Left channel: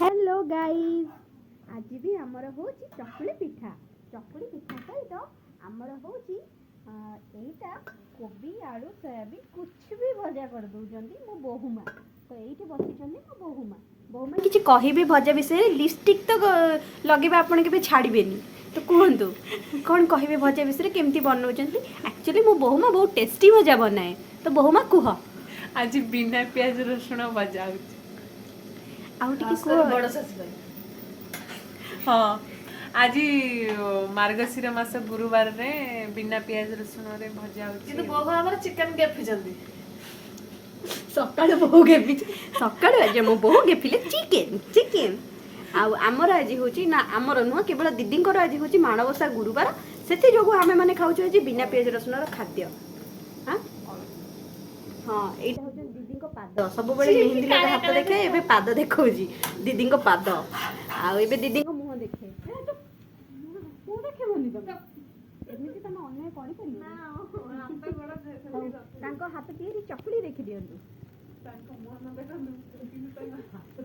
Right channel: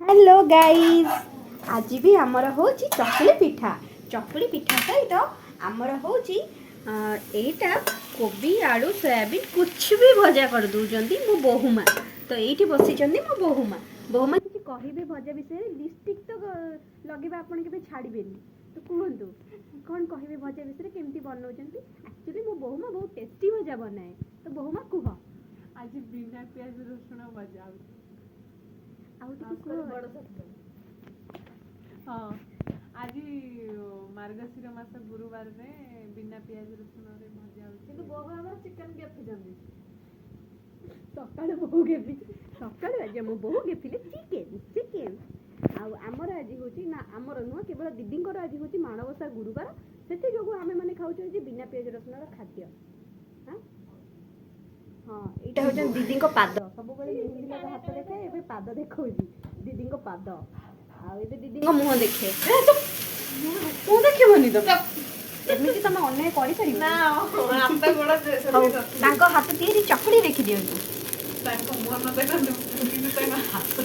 hello guys आज भी आमर हो चकुली पिठा सहित आमर हो एटा कोबी आलू सोयाबीन कुछ भी भजा कर दौरान मो बोहुमा तो ये बसी मो बोहुमा किसी कहि भजा विषय लिपस्टिक तो लगे आपड़ के छाड़बे तो कहतु कौन कहे भजा विषय केमती बनाऊँ एक्चुअली मो बोहुमा बहुत टेस्टी भजा बनाए तो बोहुमा कह आज बिना प्याज रसुण भजा हाँ आज मार्गशीर मास गुरुवार रे बिना प्याज रसुण रे भजा କିନ୍ତୁ ବୋହୁ ଆମର ଚିକେନ ଗେଫିଛନ୍ତି सकाळ बोहू गेफी सकाळ आज मो बोहू गेफिले चिकेन आमर आज हूँ ना आमर नुह केवल दीदी आज हूँ माणबसा गुरुवार से जो आम मैंने खाऊ आज बिना पियाज रसुण खाद्य हाँ हाँ यहाँ हूँ दीदी पाद सब मेहंदी लगा हाथ देखे ए पाद देखा दीदी पाद आए दीदी मुह देखे मुँह देखनी तुम एमती तुम अन्याय कर हाथ तीन चकुड़ी देखी दिंतु ତାଙ୍କ ମୁହଁ ନ ଦେଖନ୍ତୁ କିନ୍ତୁ ତାଙ୍କ ହାତ